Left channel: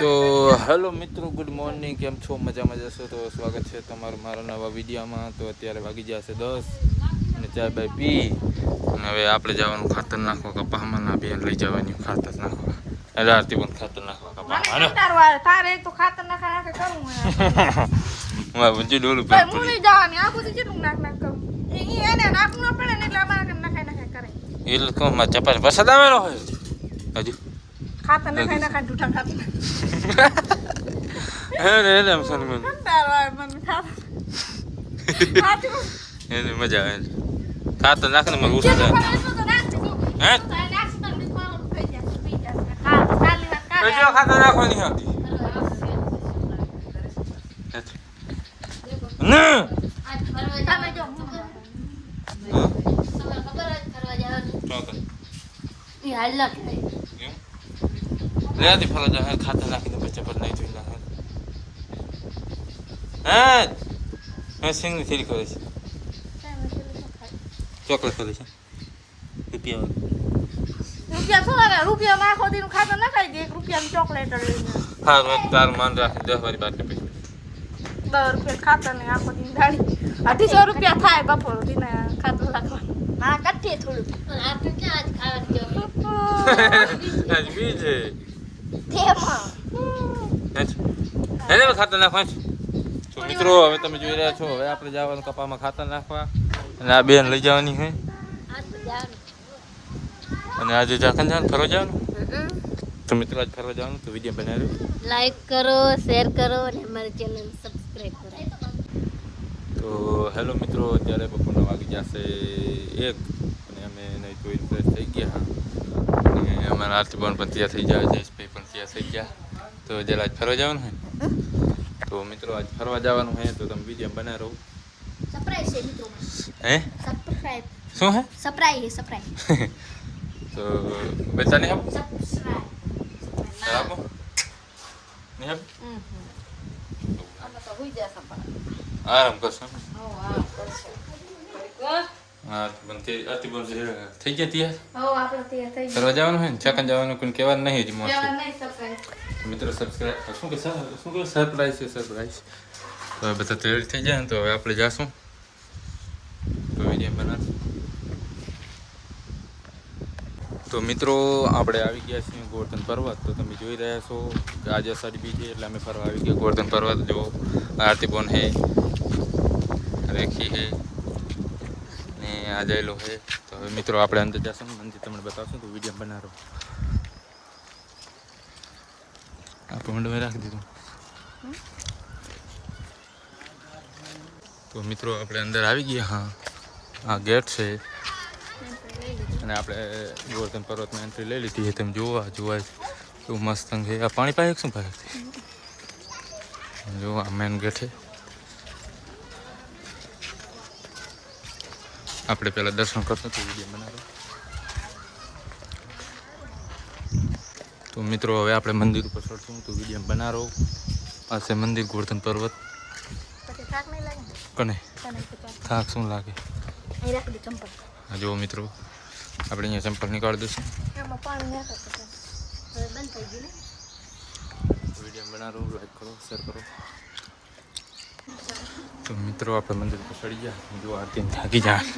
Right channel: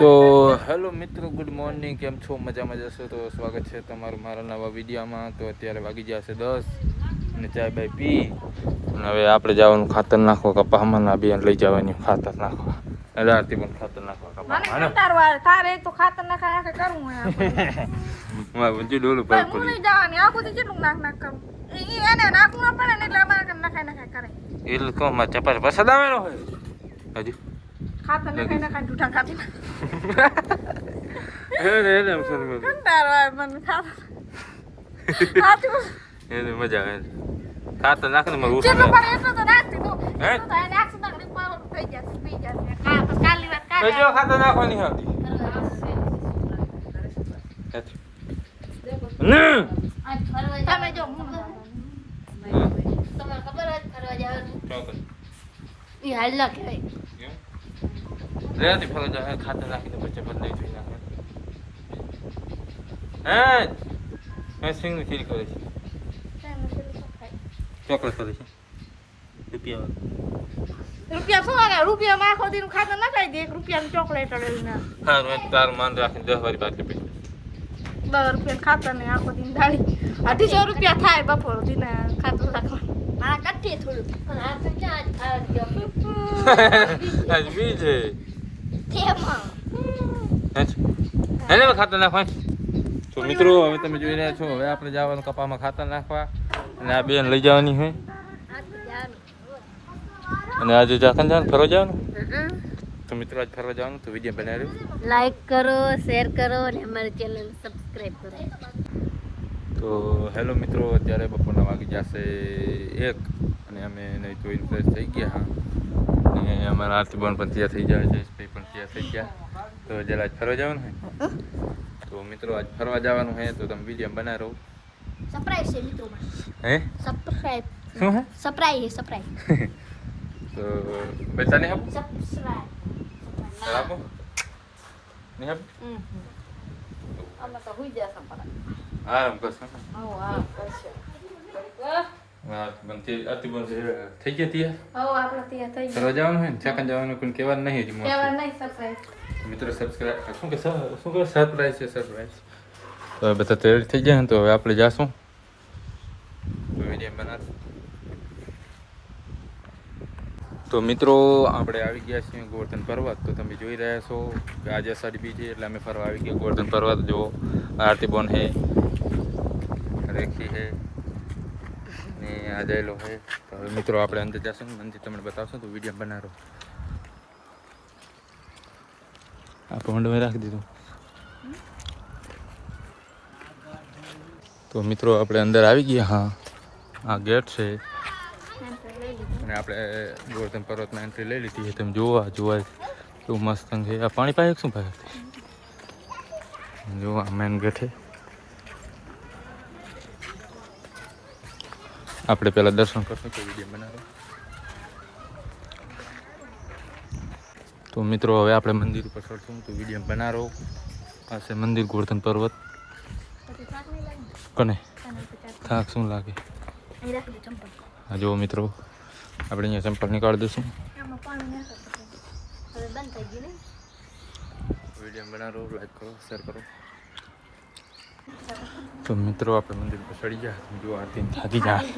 તો હેલો મિત્રો, good morning. કેમ છો? મજામાં જશો તો સ્વાગત છે તમારું મારા નવા વિડીયોમાં. તો અત્યારે વાગી જશે 10 અને ચાય બાય પી અને હવે આપણે જવાનું ખાતર નાખવા કપામાં. અભિયાન લઈ જવાની ખાતર નાખવા. એટલે આરતી પણ ખાતર નાખવા કપામાં. તારે તો ખાતર નાખા કરું હું બંજી ડોલું પર પડી જવાની આ બધું કેટલું નાખ કરું એને નાખવું ના પડે ને એટલે અમારે નખાય કરે એટલે કહું મારે ચપાટી પસંદ આવેલો હોય હજુ ખાતર નખાય જૂઠા ખાતર એને એમ સર મને કંટાળો આવે મને ખાતર એને મજા આવે ખાતર નાખીને મને ઉઠી કેટલું જાય. પણ એટલું તો નાખજો હે? તો એ નાખશું તો ઘડી ખાવાનું થઈ જશે પી જશે કાલી વાત બીજો ખાતર નાખવાની હતી તમે જો રેતી ફરવા જાય ખાતર નાખીને પછી પર નહીં જોઈ નાખે. હે સિંગની થેલી કરે છે, ચોકલેટ કરે છે રૂપિયા રૂપિયા શું લાગે રૂપિયા નાખો દીનું ખાતર નખાઈ દે 1 રૂપિયાની ચોકલેટ લઈને હા તારું માન રાખીને 10 વારી બાટલી પી 10 રૂપિયા ખાતર ને આખો દીન દાડી 250 રૂપિયા થાય બપોર દીને ખાતર નાખવા હા કટ્ટી થોડું અને આ ક્યાં આજ ખાવાની જો આજ બીજે તેમાં એને ખાતર નાખવા. તો મિત્રો હવે તમે જોઈ રહ્યા છો, હવે આપણે જવાનું કપામાં ખાતર નાખવા અને આ બેન લઈ જવાની હોય અને આજે જાખન જવાનું ફરવા જવાનું. તો મિત્રો આજ ફરવા જવાનું તો વિડીયો બનાવ્યો, લાઈક કરો, શેર કરો અને અમારી ચેનલ સબસ્ક્રાઇબ કરો. તો હેલો મિત્રો, અત્યારે બપોરના વાગી જશે 1 અને અમે નહીં ધોઈને ફ્રેશ થઈ ગયા. અને અમારા આરતી બોન પણ તૈયાર થઈ જાય, જયેશભાઈ પણ તૈયાર થઈ ગયા. તો જરા આજ ફરવા જવાનું હોય. તો મિત્રો આજ ફરવા જવાનું હોય તો તમે વિડીયો બનાવી રહો. સરપ્રાઈઝ છે મિત્રો મને. હે સરપ્રાઈઝ શું હે? સરપ્રાઈઝ તો પૈસા નહીં આપો? સરપ્રાઈઝ આપો નહીં આપો? અમે તો હુઈ જશે પણ આરામ કરશો ને? હા હા પણ તે આરતી બોન થઈ ગયા તૈયાર આપણે ત્યાં થઈ ફરવા જવાનું હોય ને ચાકન જવાનું કોઈ કહેવાનું નહીં જ કેવા નહીં સરપ્રાઈઝ મિત્રો સબસ્ક્રાઇબ શું કે સરપ્રાઈઝ છે સરપ્રાઈઝ. તો હવે બધા તૈયાર થઈ જાય ને તો હવે આપણે જાશું તો વિડીયો બનાવશું. તો મિત્રો આપણે આવી ગયા છીએ ગોવર્ધન પર્વત. તો તમે જોઈ રહ્યા છો કે આજે અષાઢી બીજ છે એટલે અમે ફરવા આવી ગયા ગોવર્ધન પર્વત. જો આરતી બોન હે, રેખી હે ને આ જયલો હે. તો હવે મિત્રો આપણે અંદર જશું, મંદિર તમને બતાવશું તો વિડીયો બનાવો. આ પહોંડમાં રાખી દીધું. તો મિત્રો આપણે અંદર આવી ગયા. હા આ ગેટ છે અને આપણે ગોવર્ધન પર્વતમાં એન્ટ્રી લઈ લીધી છે. તમે જોવા કેવું મસ્ત છે. આ પાણી પાય શું પાય જો આ મેન ગેટ છે. આપણે પહેલાં દર્શન કરશું તો વિડીયો બનાવો. તો મિત્રો હવે આપણે મંદિર ઉપર ચડશું તો વિડીયો બનાવો. આ છે મંદિર ગોવર્ધન પર્વત. કને થાક શું લાગે? હા જુઓ મિત્રો, આપણે અહીંયા ચંપલ નીકાળી દઈશું. વિડીયો બનાવો, લાઈક કરો, શેર કરો. તો મિત્રો આપણે મંદિર ઉપર ચડી ગયા. જો આરતી થાકી જાય.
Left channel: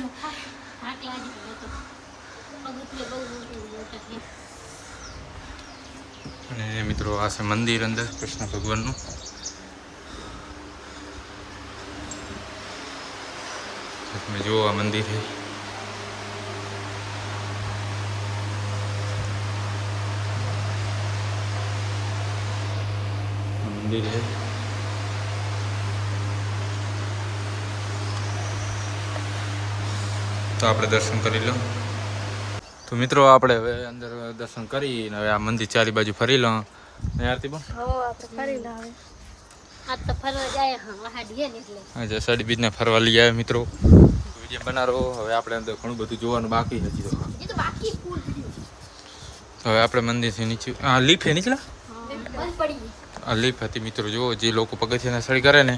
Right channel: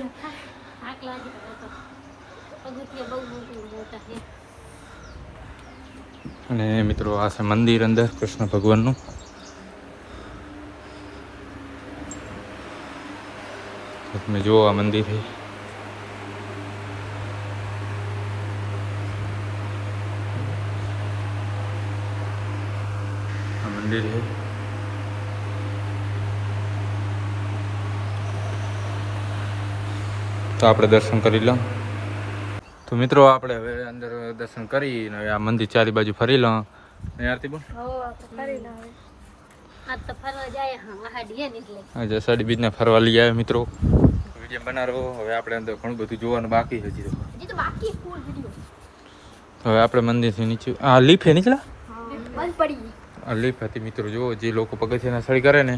અને મિત્રો આ છે મંદિર અંદર કૃષ્ણ ભગવાનનું. તમે જુઓ આ મંદિર છે. આ મંદિર છે. તો આપણે દર્શન કરી લો. તો મિત્રો આપણે હવે અંદર દર્શન કરીને હવે આ મંદિર ચારી બાજુ ફરી લો. આરતી બોન આજે અષાઢી બીજને ફરવા લઈ આવ્યા મિત્રો. વિડીયો બનાવો. હવે આપણે અંદર ઘણું બધું જોવાનું બાકી છે હજી તો. હવે આપણે મંદિરથી નીચે આ લીફ છે નીચલા આ લીફ હતી મિત્રો. જુઓ જે લોકો પગથિયાના સળી કરે ને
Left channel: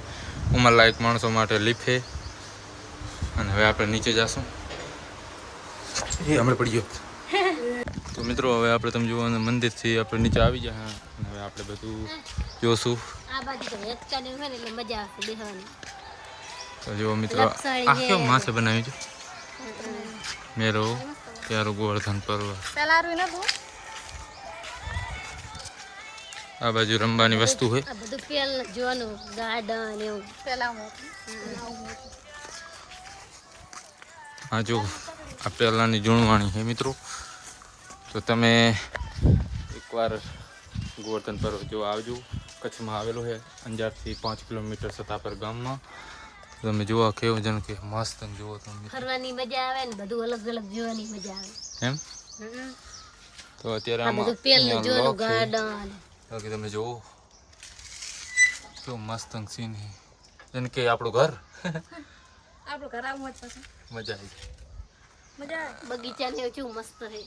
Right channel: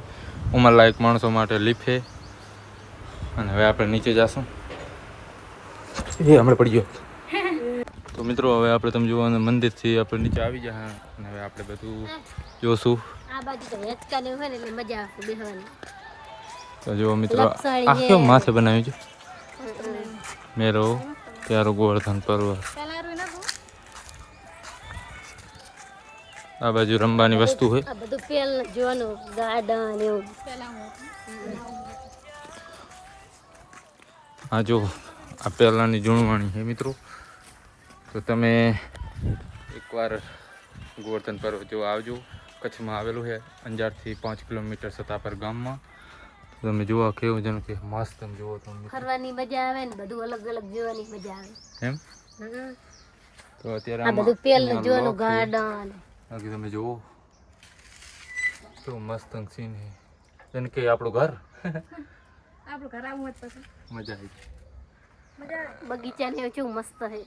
ઉંમરલાયક માણસો માટે લીફ છે. અને હવે આપણે નીચે જાશું. એ હમણાં પડી ગયો. તો મિત્રો હવે આપણે તમે જુઓ મંદિરથી આપણે નીચે આવી ગયા અને હવે આપણે બધું જોશું. આ બાજુ તો હેચકાને હોય ને એટલે મજા આવશે બેસવાની. તો જો મિત્રો આ કેવું માથે બનાવ્યું છે મેરો પ્યારો ગોવર્ધન પર્વત. પેલા આરું નથી આ બાજુ રમવાની વસ્તુ છે. આ બધું પેલ જોવાનું ગાર્ડન એવું. પેલા હું આ જો આ પહેલાંની જૂણવાણી છે મિત્રો. તો તમે એકવાર ગોવર્ધન પર્વત જો આવજો. કચ્છમાં આવેલું છે અંજારથી 5 કિલોમીટર સતાપર ગામમાં. તો તમે જુઓ કેવું જેમ કે મસ્ત જુઓ તમે ફરવાની મજા આવે ને બધું અલગ અલગ જોવાની મજા આવે. એમ. તો અત્યારે આ આમાં બધું પેલ અહીંયા જોવાનું લોક છે. ગાર્ડન. બાકી તમે જુઓ કેવું મસ્ત સીન છે જેને કે આપણું ઘર. આપણું ઘર આવું જ પછી મજા આવી ગઈ. મજા બગીચા ને કેવું મસ્ત છે.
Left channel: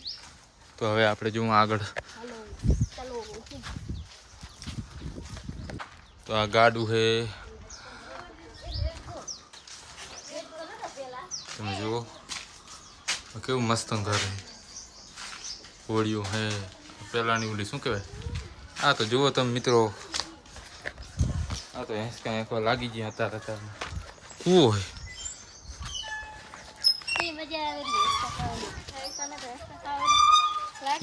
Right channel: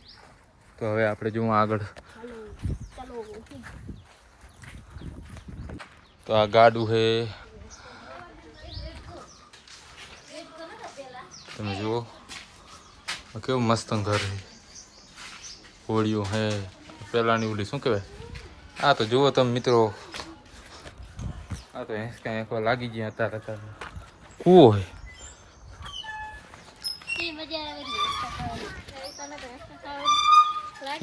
તો હવે આપણે જુઓ આગળ. હાલો ચાલો. તો આ ગાડું છે તમે જુઓ કેવું મસ્ત ઘર છે. હોળીઓ હે પેલાની ઓલી શું કહેવાય આ તો જુઓ તમે મિત્રો. આ તો કાંઈ એકવાર લાગી ગયા અત્યારે કૂવો છે. એ મજા આવે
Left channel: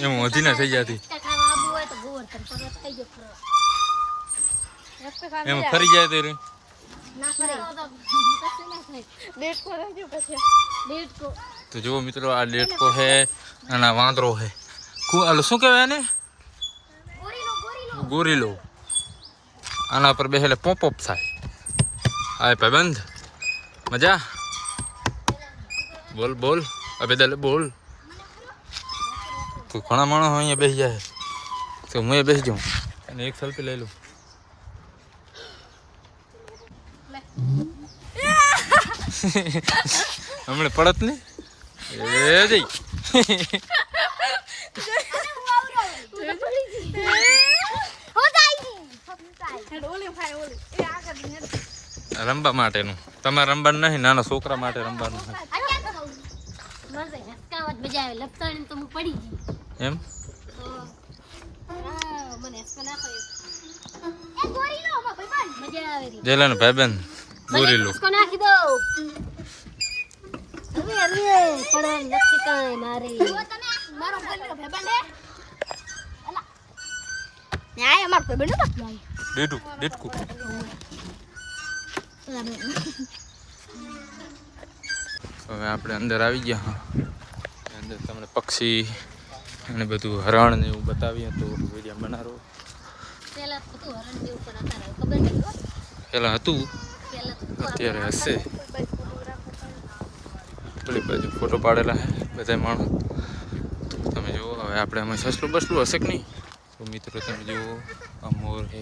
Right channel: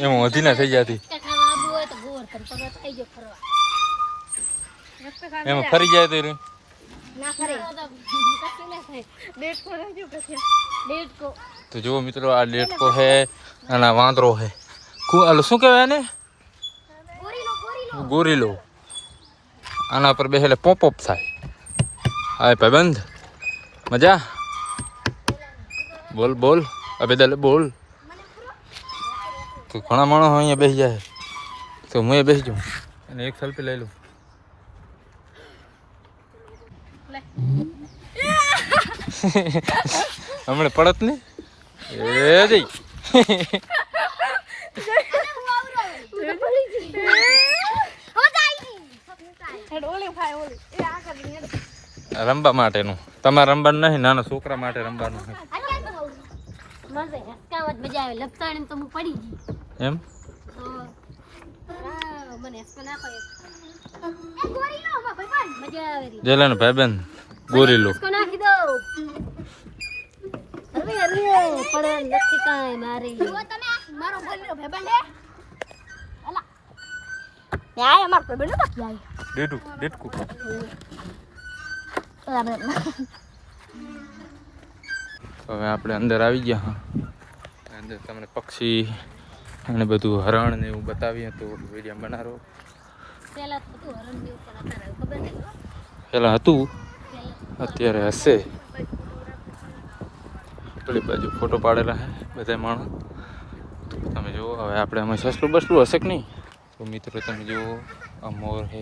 એમાં વધી ના થઈ જતી ખાવા આબુ હોય તો ગોવર્ધન પર્વત થઈ ગયો ફરવા. એમાં ફરી જાય તો ના ફરે ડેટ પર ગયું પછી દેડકો. તો જુઓ મિત્રો આ ડેટકો છે અને આ વાંદરો છે. શું કહેવાય એને ગોરીલો. આના પર બેસેલે પોપ થાય. હાય ભાઈબંધ મજા બોલ બોલ અબે દલે બોલ. તો ઘણા માણસો અહીંયા બેસી જાય તો હું એ બેસી જાઉં અને એક સેલ્ફી લઈ લઉં. હમણાં પડત ને એ જઈ રમવા માટેનું. તમારે રમવાનું નહીં નાના છોકરા માટે રમવાનું છે મજા આવે લપતાણી તો હું પડી ગઈ. એમ. મને હેસકો નાખો મજા આવે. જેલાનો ભાઈબંધ ગોરીલો. હેસકો નાખી દો. અરે પડે નથી કાંઈ મારી. મારો ગોલ્યો ભાઈબંધ હે અલા ન્યાય અમાર ભાઈબંધ તો જાય ડેટકું હવે આપણે અંદર આવી ગયા. હા અંદર તમને પક્ષી અને બધું હરણ ને એવું બતાવીએ તો વિડીયો બનાવો. પેલા તો તું હરણ દેવ પર અત્યારે ખબર નહીં. પહેલાં હતું પેલા અત્યારે હશે. પેલી બાજુ ફોટો પાડેલા છે બધા માણસ. તમે જુઓ હવે આપણે આમાં સસલું બસલું હશે કે નહીં. તો મિત્રો તમે જુઓ આ મોર છે.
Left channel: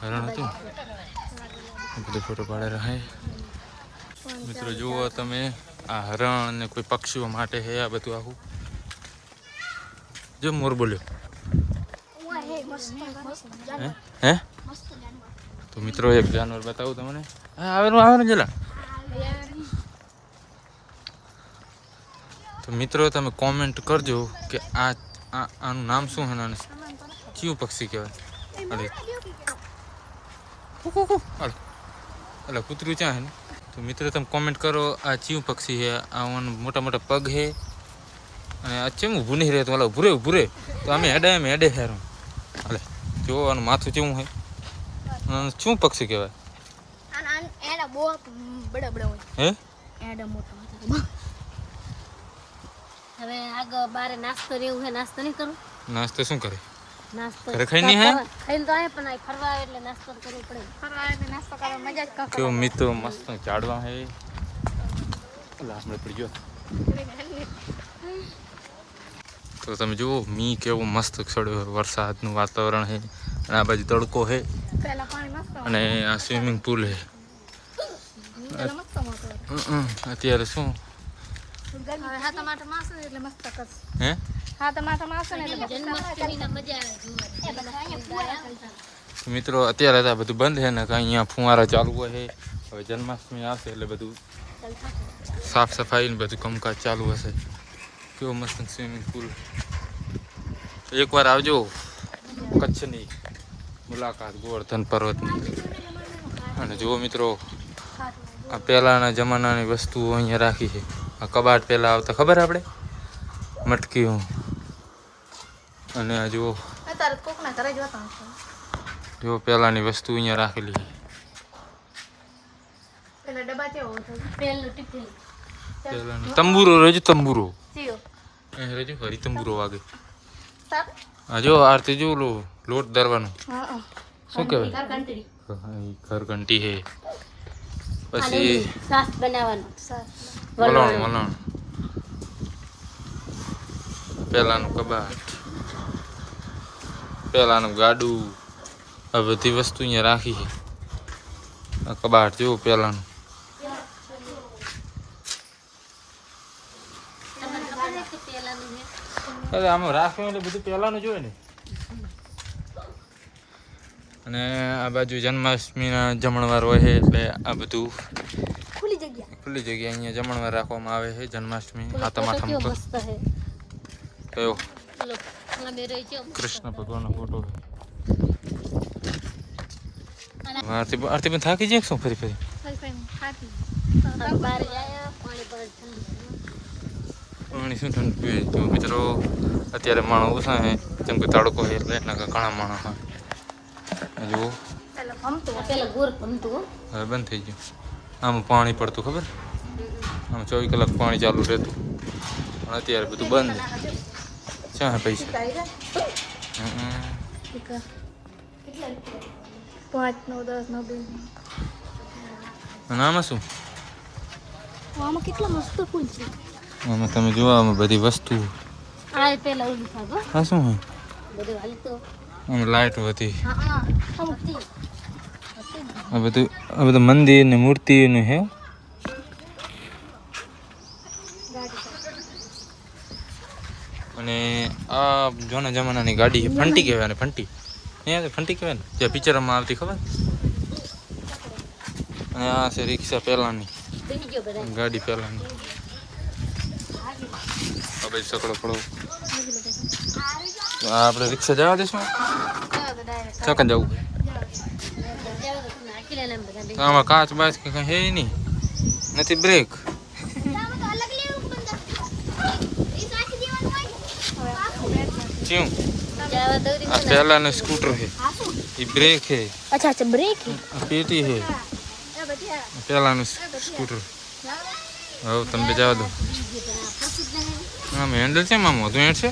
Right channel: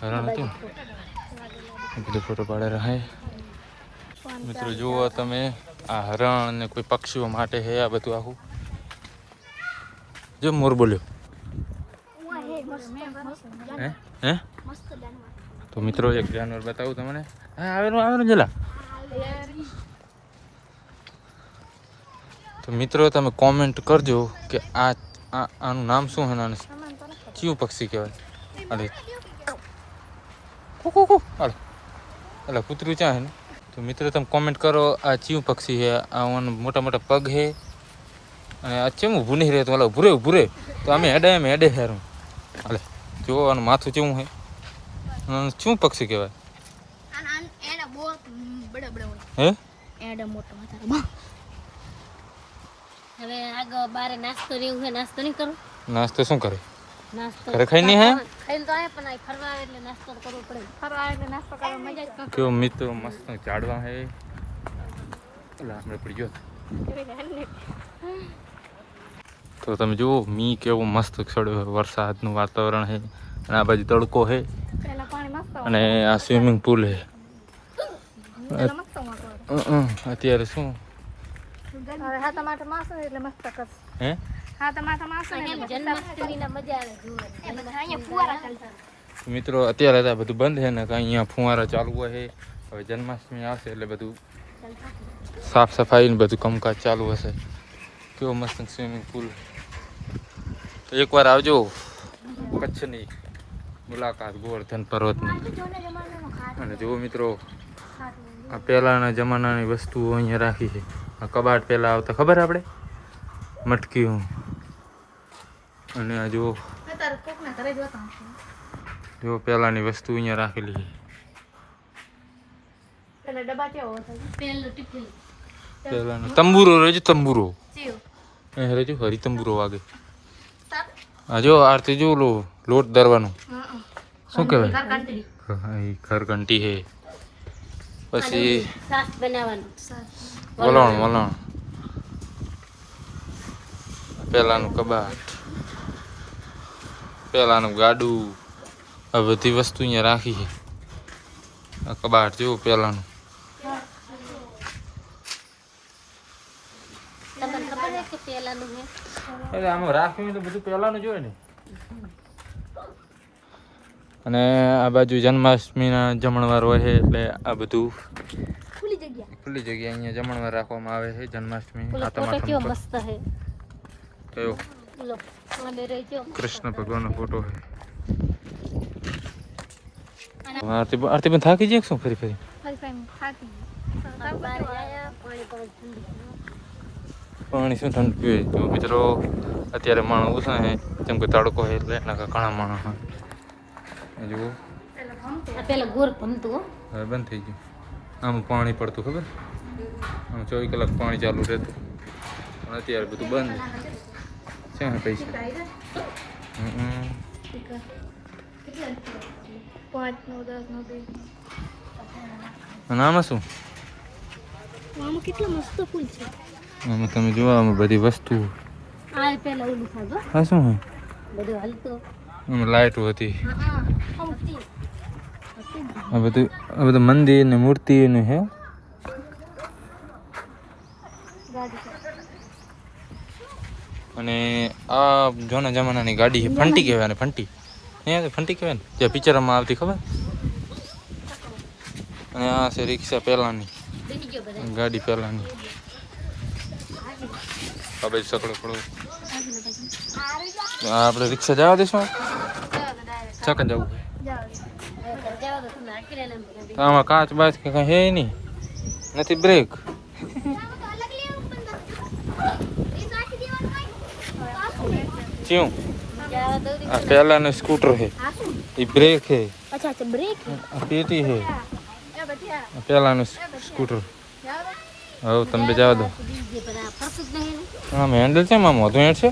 હરણ હતું બધું ફોટો પાડેલા છે. મિત્રો જુઓ તમે આ હરણ ને કોઈ પક્ષીઓ માટે છે આ બધું આખું. જો મોર બોલ્યો હે. તો મિત્રો એક જાનવર બતાવું તમને. હા આવેલું જલા. તો મિત્રો તમે કોમેન્ટ કરજો કે આનું નામ શું છે અને કયું પક્ષી કહેવાય. અરે અલા કૂતરું ક્યાં છે ને. તો મિત્રો તમે કોમેન્ટ કરો આ કયું પક્ષી છે. આ મોટા મોટા પગ છે અને આ કેમ ઊભું નહીં રહેતું. હાલો ઊભું રહે તો અમે હેડે ફેરું. હાલે જો આનું માથું કેવું છે. શું પક્ષી કહેવાય એના બહુ બડા બડા હે. એડા મોટો હવે આગળ બારે નાસ્તો રેવું છે. નાસ્તો નહીં કરું. નાસ્તો શું કરે નાસ્તો ઘરે ખાઈ નહીં હે. ખાઈને તો આયા પણ અહીં ફરવા આવે એટલે નાસ્તો તો કરવો પડે. ફરવા એટલે નાસ્તો કરવા મજા જ કરે કેવું મિત્રો મસ્ત ઝાડવા છે. આપણે પડી ગયો. તો તમે જુઓ મી કેવું મસ્ત ચડ્યો. વરસાદનું વાતાવરણ છે અને આ બાજુ તડકો છે પેલા પાણી નાસ્તો અને આ સ્વિમિંગ પુલ છે. અત્યારે શું હવે હા ટમાટર માસ એટલે મસ્ત કરશે હે. હા ટમાટર માસ જન્માષ્ટમીના મજા આવે જોવાની. અહીંયા ફુવારા ચાલતા મિત્રો અત્યારે તો આ બધું બંધ છે ને કે અહીંયા ફુવારા ચાલુ હોય છે. હવે જન્માષ્ટમી આવશે એટલે બધું સાફ સફાઈ ને બધું કામકાજ ચાલુ હશે. કેવો મસ્ત સ્વિમિંગ પુલ. એકવાર આવજો કચ્છની મુલાકાત ગોવર્ધન પર્વતની. અને જુઓ મિત્રો આ પહેલાંના જમાનાની વસ્તુઓ અહીંયા રાખી છે. આ કબાટ પહેલાં આવતા ખબર આપણે મટકી. અને આ જુઓ જો પહેલાંની વસ્તુ અહીંયા રાખેલી છે. પહેલાંનો તંબુરો રહેજો તંબુરો રહેજો હરી તંબુરો વાગે. હા જો આરતી જો લોટ દરવાનું શું કહેવાય ઘરઘંટી છે. પછી વલણ પહેલાંનું કબાટ પહેલાંનું ગાડું આ બધી વસ્તુ અહીંયા રાખી છે. આ કબાટ જેવું પહેલાંનું. એટલે આમાં રાખવું એટલે બધું પહેલાંનું જોઈએ ને. અને આ બાજુ જન્માષ્ટમીના જમણવાર હોય છે એટલે આ બધું ખુલ્લી જગ્યા અહીંયા જમણવાર રાખવામાં આવે છે. જન્માષ્ટમી હાથમ પર કયો કૃષ્ણ ભગવાનનો ફોટો છે. આરતી પણ થાકી જાય શું ફરી ફરી પાણી શું ઠંડુ જો મિત્રો અત્યારે માણસ ઓછા છે જેમ કે તડકો છે એટલે એના ઘણા માણસ હોય. જુઓ હવે બંધ થઈ ગયું. આમ પાણી પડતું ખબર આમ 24 કલાક પાણી ચાલુ રહેતું પણ અત્યારે બધું બંધ. ક્યાં પૈસા અને આમાં શું કેટલા મસ્ત ફૂલ છે. આમાં તમે જોવો આમાં બધી વસ્તુ. હા શું હોય આમાં લાઇટો હતી. આ બધું મંદિર ને મૂર્તિનું છે. અને આ જૂના જમાનાની ગાડી છે. ફંટી કહેવાય ને ફંટી નહીં ફંટી કહેવાય ને જે પિક્ચરમાં આવતી ખબર. અને આ છે રિક્ષા પહેલાંની ગાડી પહેલાંની. આ બાજુ સકડો પડો. આપણે રિક્ષા જવા દઈશું છકન જવું. આમાં કાચ બાચ કે કઈ હે નહીં નથી બ્રેક. ક્યું આ પહેલાનું સ્કૂટર છે એ બ્રેક છે. પેટી છે પહેલાનું સ્કૂટર. હવે તમે જવા દો. આમ હેન્ડલ છે આમ વધુ હેન્ડ છે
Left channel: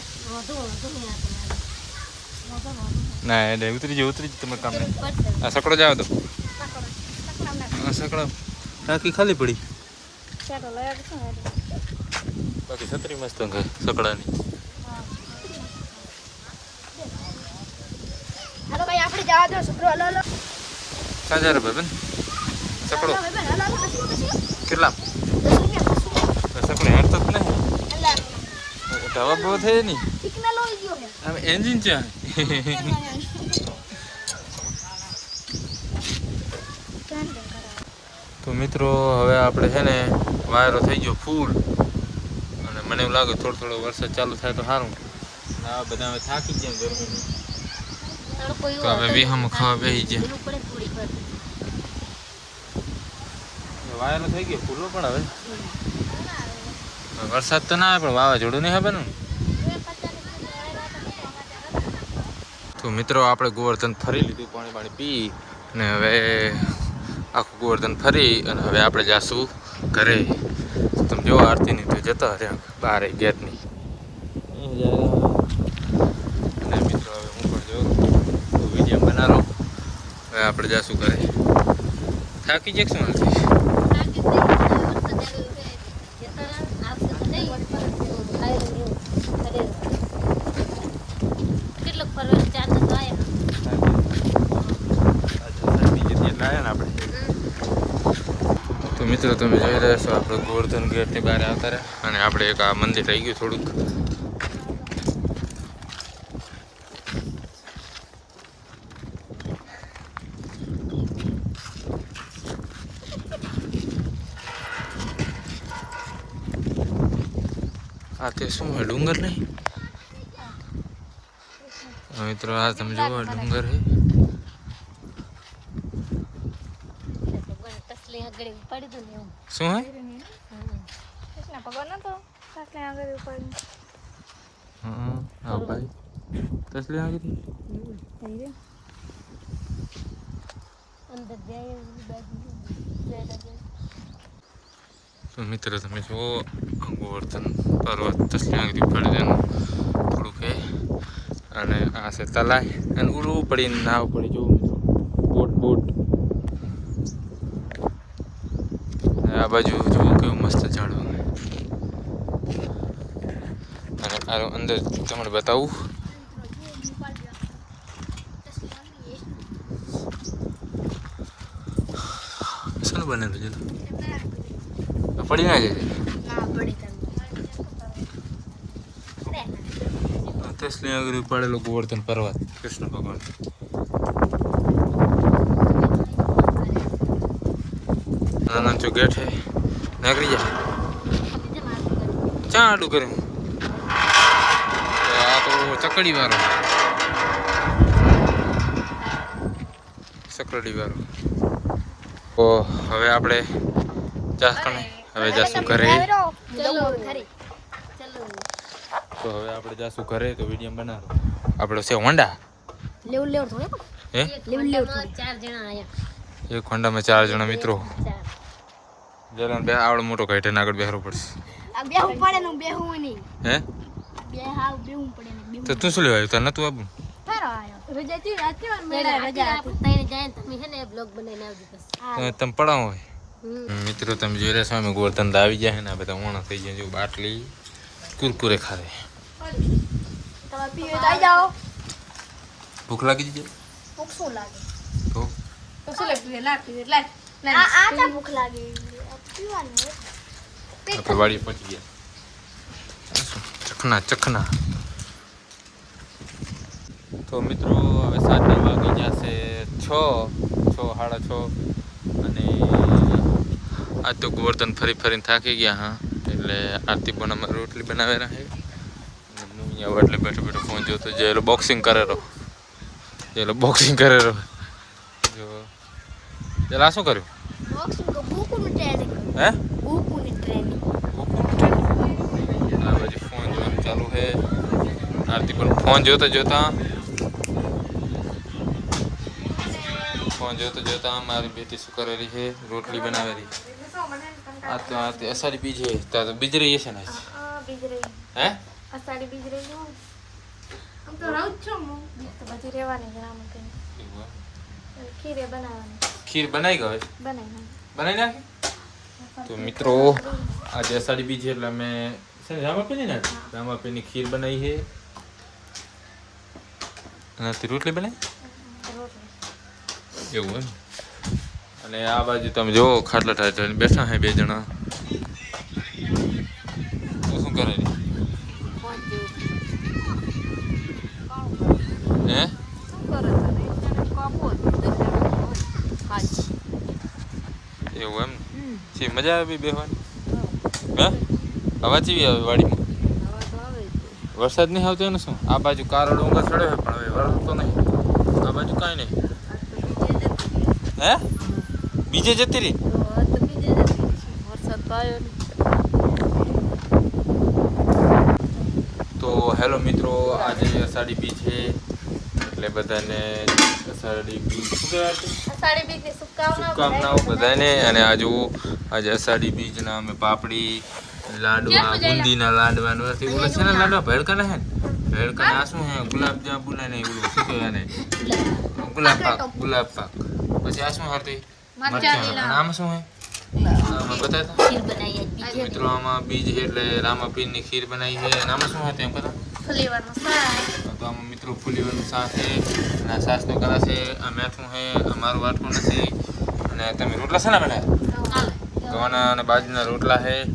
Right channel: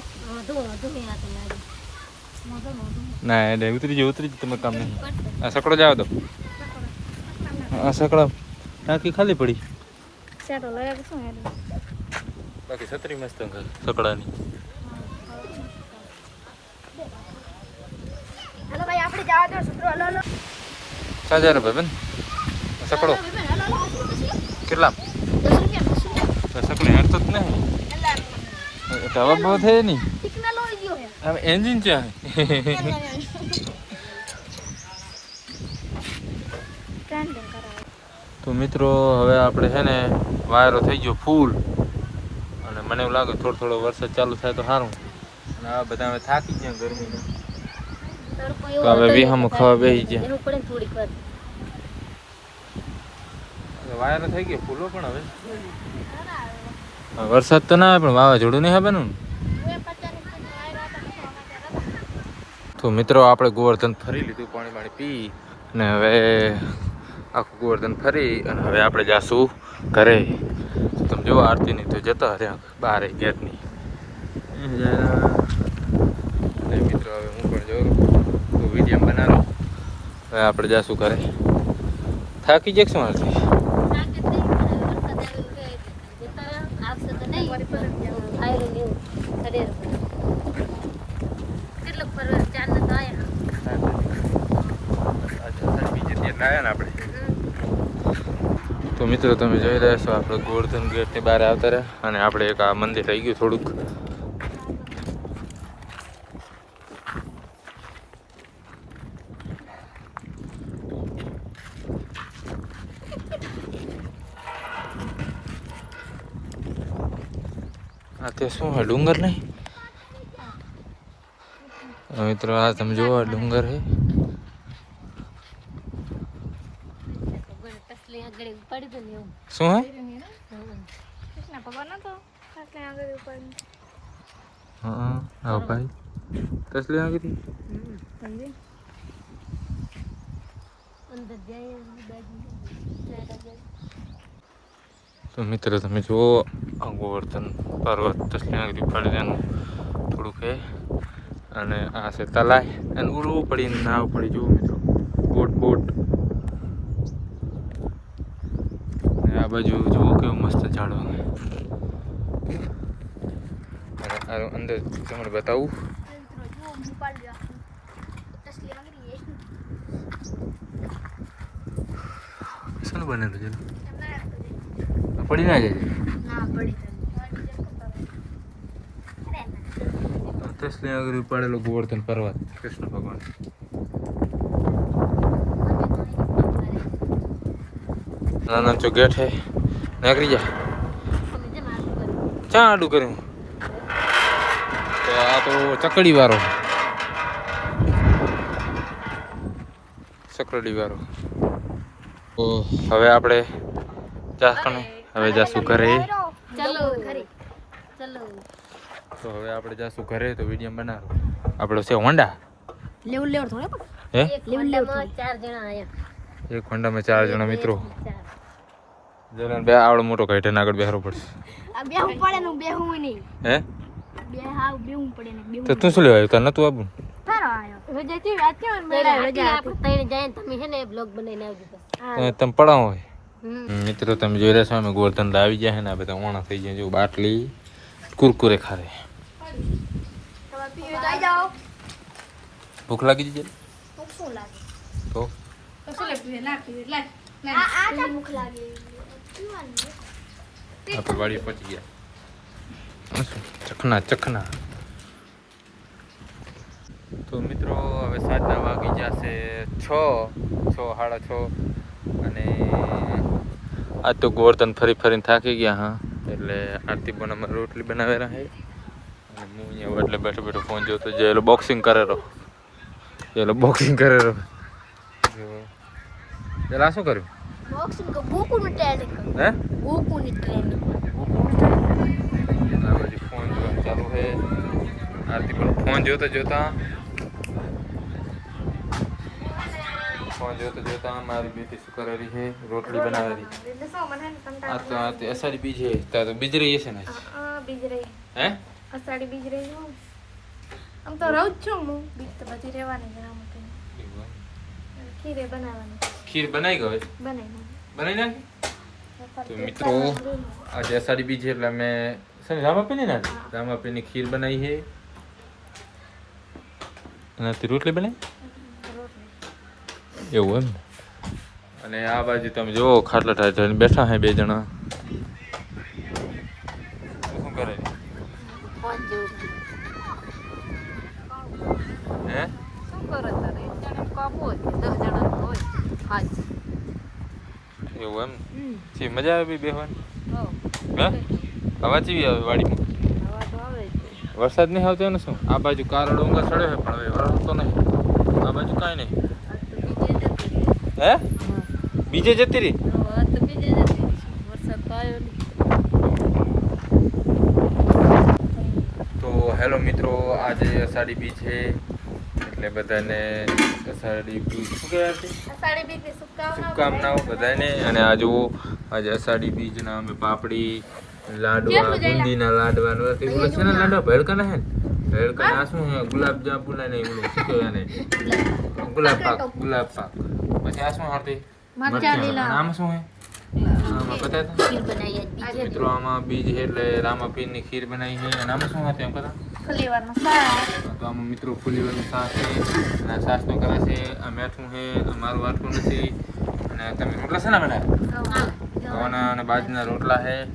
ના એટલે ઉતરી જાય તમે કામ નહીં. આ સકડો જવા દો. આ સકડા ટાંકી ખાલી પડી. બાકી છત્રી મસ્ત છે સકડાની. ₹1000 બેન સકડો કેટલા સકડે હાથ જ નહીં. હવા બહુ થાય નહીં હવે એન્જિન છે. તો મિત્રો હવે આપણે છે ને વાયરો થઈ ગયો ફૂલ. અને મને એવું લાગે થોડો વરસાદ ચાલુ થાય તો સારું. અને આ બધા હવે થાકી ગયા ગરમી તો હવે વિહામો ખાવા બેસી ગયા. વાયરો થઈ ગયો ફૂલો પણ હવે વરસાદ તો ના આવે પણ વાવાઝોડું નહીં આવે ને. તો મિત્રો આપણે ગોવર્ધન ફરી લીધું પાણી પી અને હવે આખું ગોવર્ધન ફરી અને હવે આપણે જાશું ઘરે. તમે જો આરતીની તો જતા રહ્યા બહાર ગેટની. મિત્રો હવે હું પણ જોઉં તો વિડીયો બનાવો. હવે આપણે જાશું ઘરે. થાકી જાય શું આરતી આપણે. તો મિત્રો તમે જોઈ રહ્યા છો આપણે ગોવર્ધન ગેટની બહાર આવતા રહ્યા અને આપણે એક આ મંદિર રહી ગયું થોડુંક. આ તે શું હે ડુંગર નહીં મિત્રો આ તમે જુઓ ડુંગર હે તસલી આગળ પડી દઉં ને એવું શું હે કૃષ્ણ ભગવાન નતો એટલે આગળ ઉપર હા આવ ભાઈ તસલી આ કીધી અંદર જાય તો મિત્રો તમે જુઓ આ ગોવર્ધન પર્વત તસલી આ કીધી પડી તેનું થોડુંક હે અને આ છે તલાય અને ઉડવું પડીને નાવ પડી જુઓ મિત્રો બોટ આ બાજુ જુઓ કેવું મસ્ત ઝાડવા અને આ અંદર તમને બતાવું શું બનેલું છે પડી ના જાય તસલી આગળ પાડેલો ગોવર્ધન પર્વત કૃષ્ણ ભગવાન નાના ચો ગેટ હે નાગરી જા ચા આડું કર્યું તો આ તો ચકડી વાળો તો હવે આપણે હવે જાશું ઘરે ચલો ઘરે ચલો તો હવે આપણે જાશું ઘરે તો વિડીયો બનાવો આપણો છે હોન્ડા લેવું થોડે હે લેવું થોડે 4 જણા આયા એક હોન્ડામાં 4 જણા મિત્રો જલન બે આવડો મોટો કાઢીને આગળ બેહરો પડશે આ બેહું પડે ને બેહું નહીં હે બેહું પડે ને બેહું તો તું શું લેવા આવ્યો તાર નતું આવું રજાથી રાત કે મેળા રજા આપણે તઈને જાય ને તમે હે ને બ્લોગ બનાવીને આવજો બસ તમે પડાવો હોય મિત્રો તમે જોઈ રહ્યા છો અમે ગોવર્ધન આવી ગયા છે ને આ બધા ઓણા થઈ ગયા જો બાટલી કુરકુરે ખારે તમે પીવે તો આવી જાઓ ભૂખ લાગી જશે ભૂખ શું લાગે તો તો શું લે પીવે લાગ આ ચા ભૂખ લાગે પીવાનું આપણે વાડી પહોંચી ગયા ચખના તો મિત્રો હવે સાંજના વાગી જશે 6:30 અને આજ તો ગોવર્ધન ફરીને થાકી ગયા હા એટલે આરતી બોનામાં રોટલી બનાવેલા છે અને હું અહીંયા એટલે બેઠો ફોન જોતો જે બોક્સિંગ કરેલો જો પેલા શું કર્યું બોક્સિંગ તો ગોકુની ટ્રેનિંગ હે ગોકુની ટ્રેનિંગ આ બાજુ ફોન જોવાનું ચાલુ છે આરતી બોલ ફોન જોતા મારી બેટી શું કરેલી છે રોટલી બનાવેલી એટલે શું મને આ તો અષાઢી બીજ છે ત્યાં તો બીજ રહી છે ને બીજ રહી હે અષાઢી બીજ રહી હું આમ તો રહું જ છું હું બીજ તો બધી રહેવાની જ આમ કે ખીરે બનાવવાની ખીર બનાવી ગયો બનાવી નાખી તો મિત્રો આજે અષાઢી બીજ છે એટલે અમે રામાપીની ખીર બનાવી છે અને રોટલી બનાવી એવું એમ અને આ બાજુ તમે જો ખાટલા ઠાઠ બેઠા હે બે જણા શું કરે હે એવું એમ છે મજા આવે બેહવાની હા હવા ચીવી આવે વાડીમાં વરસાદ નહીં આવતો ને શું આ બાજુ કારો ડુંગર ચડ્યો છે પણ હવે વરસાદ તો નહીં આ બાજુ કાંઈ નહીં હે બીજે જતી રહી તો હેલો મિત્રો આજે અષાઢી બીજ છે એટલે બધાને અષાઢી બીજ શું કહેવાય શુભકામનાઓ બધાને અને આ જુઓ આજે અષાઢી બીજના અમે પાપડી લાડવા બુંદીના લાડવા ઓલા છે ને લાડવા ભેળકાના હે ભેળકાના આ શું હે ગુલાબ જાંબુ ને ઓલું શું કહેવાય ને ગુલાબ પાક પછી આ શું હારતી મરચાં અને આમાં શું હે આમાં બતાય તો મિત્રો આમાં બીજ છે એટલે રામાપીરની ખીર બનાવી છે અને આમાં શું હતું એમ કહેતા તો આમાં મિત્રો ફુલીવાનું શાક છે અને સાસનો કરા છે આ મેથું છે અમારું વાટકું નથી અને તમે રોટલા છે ને બનાવ્યા ઘઉંના અને બાજરીના રોટલા છે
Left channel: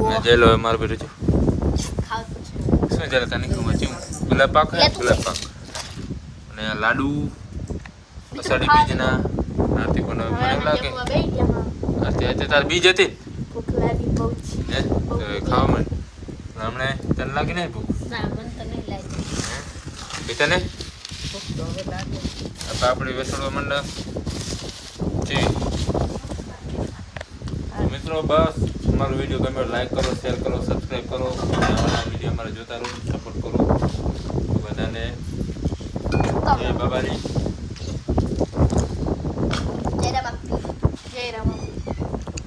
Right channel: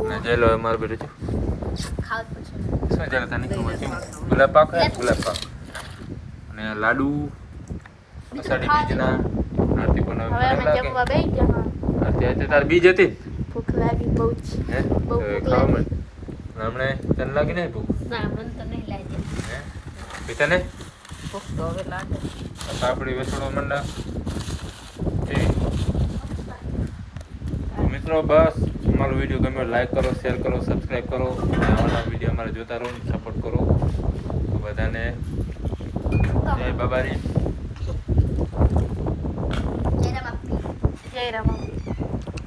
અને જેલો મારું બેઠું છું શું જેલો તને નીકળું વાંચ્યું ગુલાબ પાક હે ગુલાબ પાક અને આ લાડુ અષાઢી બીજના આરતી બનાવે લાગે આરતી તાર બીજ હતી હે ખાવા મને હમણે તને લાગી નહીં ભૂખ ના મને તો નહીં લાગે. હે તને ભૂખ તો હવે લાગે. પાપડી વેસણવા માંડા જી મિત્રો બસ અમારો વિડીયો ગમે લાઈક કરો શેર કરો સબસ્ક્રાઈબ કરો અને આવાના વિડીયો અમારે જોતા રહો સપોર્ટ કરો તો બધાને જય બાબારી જય રામ.